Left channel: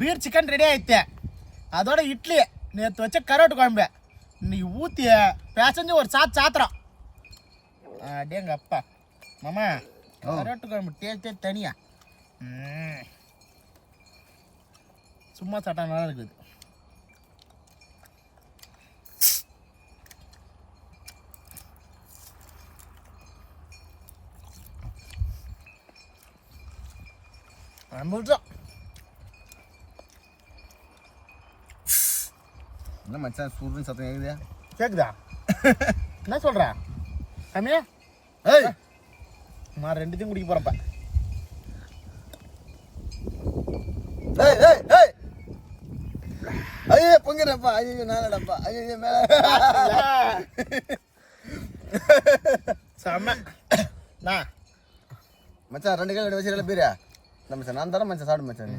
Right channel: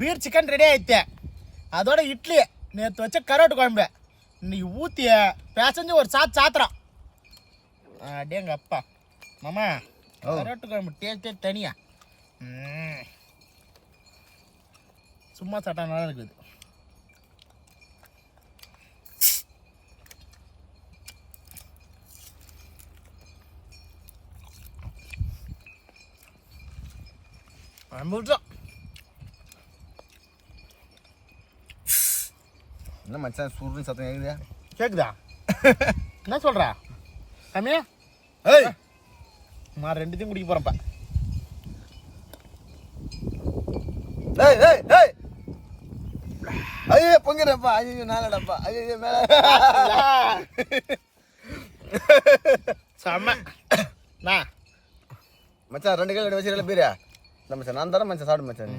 Beer chicken ready ஆயிடுச்சு. அதோட இட்லி நேற்று வச்ச கரோட்டு குழம்பு இன்னைக்கு ஊற்றி பேசஞ்சு ஒரு சாத்திரம். அப்படியேங்க அப்பா மாமா கரோட்டு குழம்பு டேஸ்டே தனியா. சும்மா சாப்பிட்டா நல்லா இருக்குது. என்ன மச்சான் சுருன்னு சத்தம் கேக்குதா? கேக்குதா? என்ன சொல்ற கம்மியா? ஏய் நான் ரெண்டுத்தையும் குடிக்க போறேன்ப்பா. ஏய் ஏய் ஏய் ஐயோ பொங்கறப்பா. ஐயோ நானடப்பா. ஐயோ மேல செம்ம. நான் மச்சான் 2 கையில வச்சிரல பீரா. நம்ம மச்சான் நான் தரேன் மச்சான் சாப்பிடு மச்சான்.